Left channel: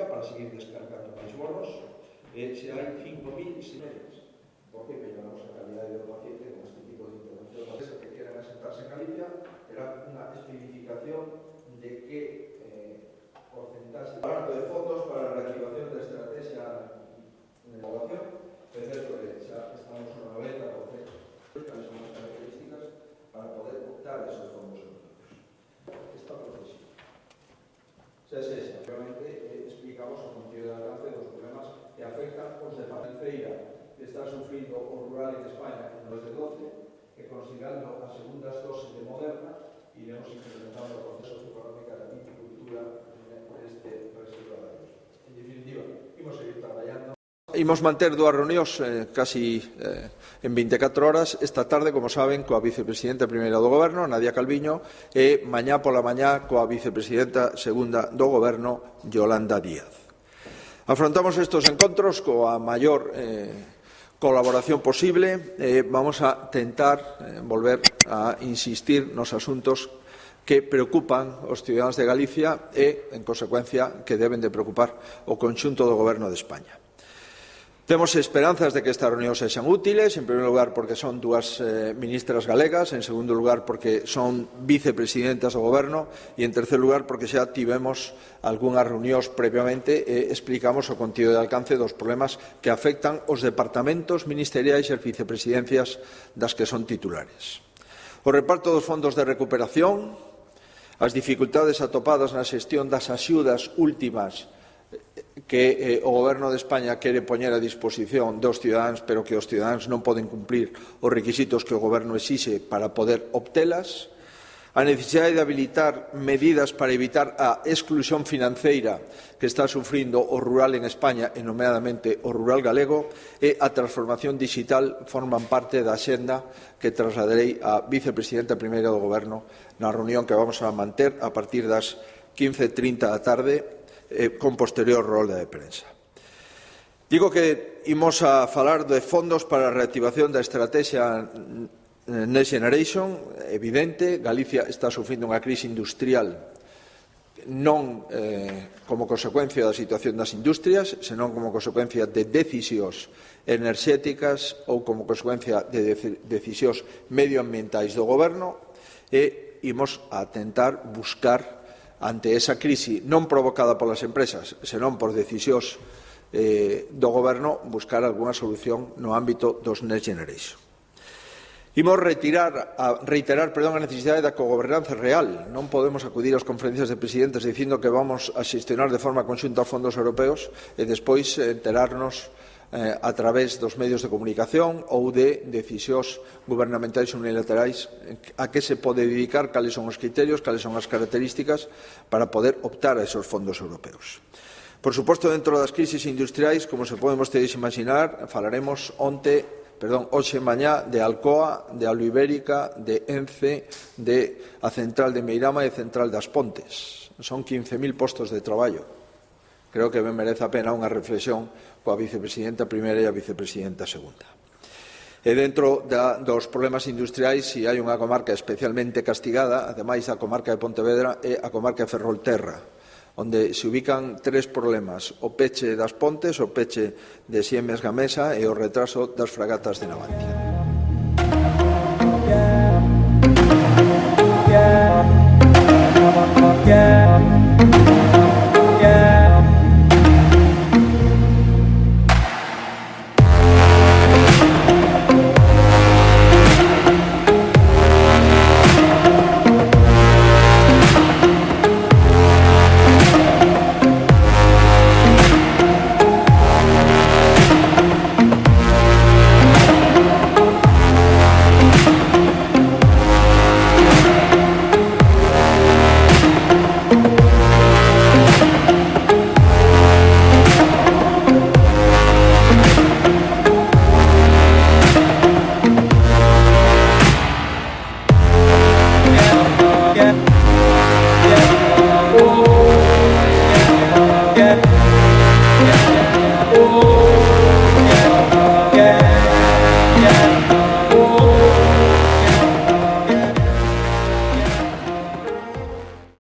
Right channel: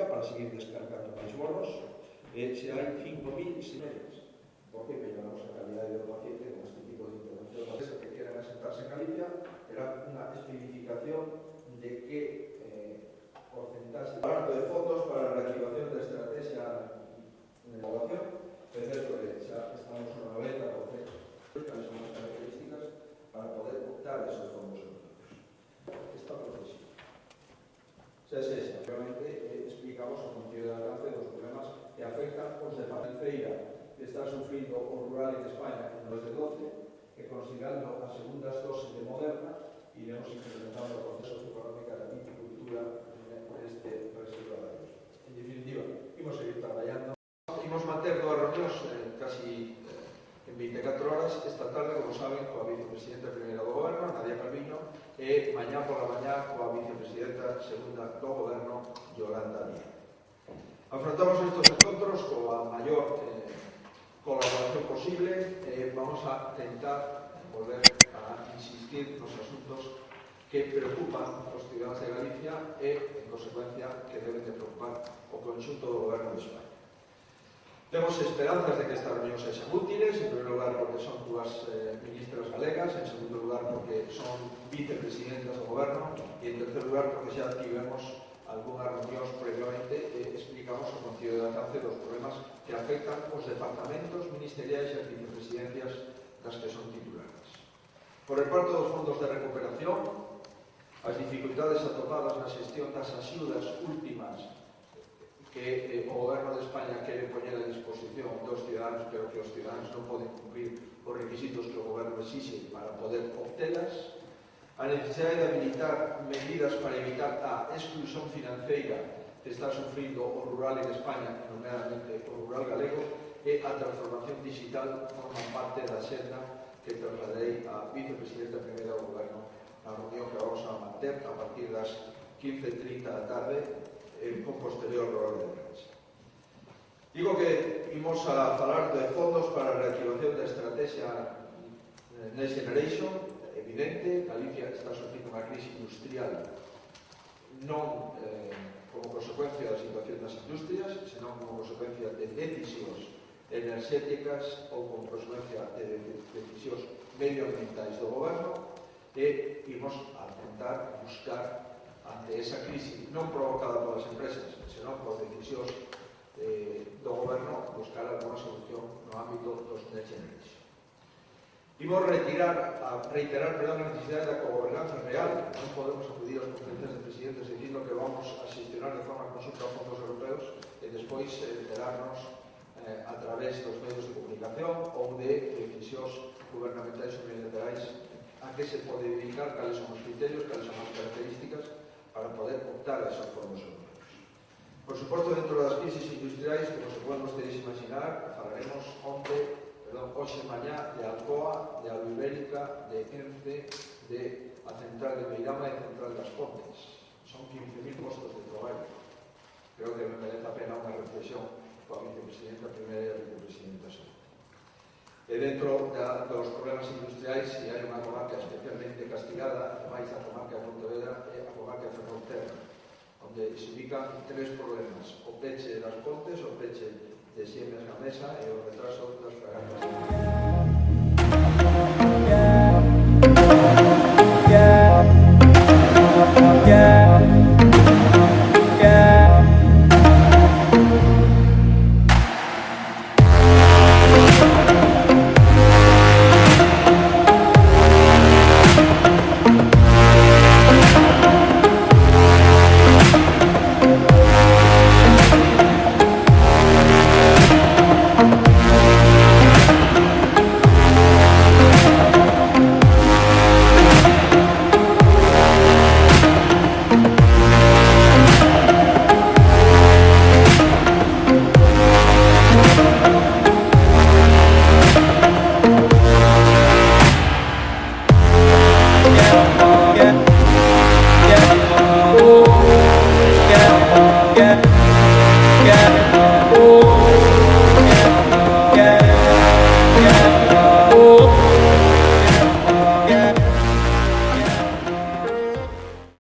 económica para seguir descargando máis bonos, se hai 5.000 sineres, porque melloramos a calidade do paciente con este tipo de intervención. As que quieran asentarse en Galicia terá unha especificación de que porcentaxe de fondos para a reactivación da estrategia de innovación. É certo que xa estamos no 90%, cales son as características para poder optar a esos fondos europeos. Esta procesión. Realmente explicamos o contido de alcance dos problemas que afectan os de Feira, que está sufrindo o rural en España en 2012, que considerando as segundas doses de Moderna, iremos implementando o proceso económico da viticultura neste reserva de años. En definitiva, imos seguir traballando. Imos manter dúas reunións casi en 24 horas, esta tarde, como saben, coa vicepresidenta primeira do Goberno, Nadia Calviño, e mañá pola mañá coa vicepresidenta segunda do Goberno, Yolanda Díaz. Afrontamos estes encontros coa maior colaboración posible. Vamos a tentar volver a insistir nos asuntos que preocupan os ciudadanos de Galicia e, en consecuencia, que deben de preocupar o conxunto do Goberno de España. Temos esperanzas de que estas reunións sexan útiles, en primeiro lugar porque son dúas ministras galegas, en segundo lugar porque son vicepresidentas do Goberno e, en terceiro lugar, porque xa tivemos algunhas reunións previamente e explicamos o contido de alcance dos problemas que afectan os departamentos ministeriais e as vicepresidencias das que son titulares. O reparto dos fondos de recuperación, as dificultades atopadas na xestión das axudas últimas que o Goberno de España quere poñer a disposición dos cidadáns, pero que os cidadáns non poden cumplir os requisitos que o Goberno exixe para poder obtelas, a necesidade de habilitar medidas para evitar a exclusión financeira que está sufrindo o rural en España, e nomeadamente o rural galego, e a transformación digital forman parte da axenda que trasladarei á vicepresidenta primeira do Goberno na reunión que vamos a manter a partir das 15:30 da tarde, con posterior rolda de prensa. Digo que imos a falar de fondos para a reactivación da estrategia Next Generation. Evidente, Galicia está sufrindo unha crise industrial non como consecuencia da situación das industrias, senón como consecuencia de decisións enerxéticas ou como consecuencia de decisións medioambientais do Goberno, e imos a tentar buscar ante esa crise non provocada polas empresas, senón por decisións do Goberno, buscar algunha solución no ámbito dos Next Generation. Imos reiterar a necesidade da cogobernanza real. Non podemos acudir ás conferencias de presidentes dicindo que vamos a xestionar de forma conxunta os fondos europeos e despois enterarnos a través dos medios de comunicación ou de decisións gubernamentais unilaterais a que se pode dedicar, cales son os criterios, cales son as características para poder optar a esos fondos europeos. Por suposto, dentro das crisis industriais, como se poden vostedes imaginar, falaremos hoxe mañá de Alcoa, de Aluibérica, de Ence, de a central de Meirama e a central das Pontes. Son 15.000 postos de traballo. Creo que ben merece a pena unha reflexión coa vicepresidenta primeira e a vicepresidenta segunda. E dentro dos problemas industriais, se hai unha comarca especialmente castigada, ademais da comarca de Pontevedra, é a comarca de Ferrolterra, onde se ubican tres problemas: o peche das Pontes, o peche de Siemens Gamesa e o retraso das fragatas de Navantia. Yeah.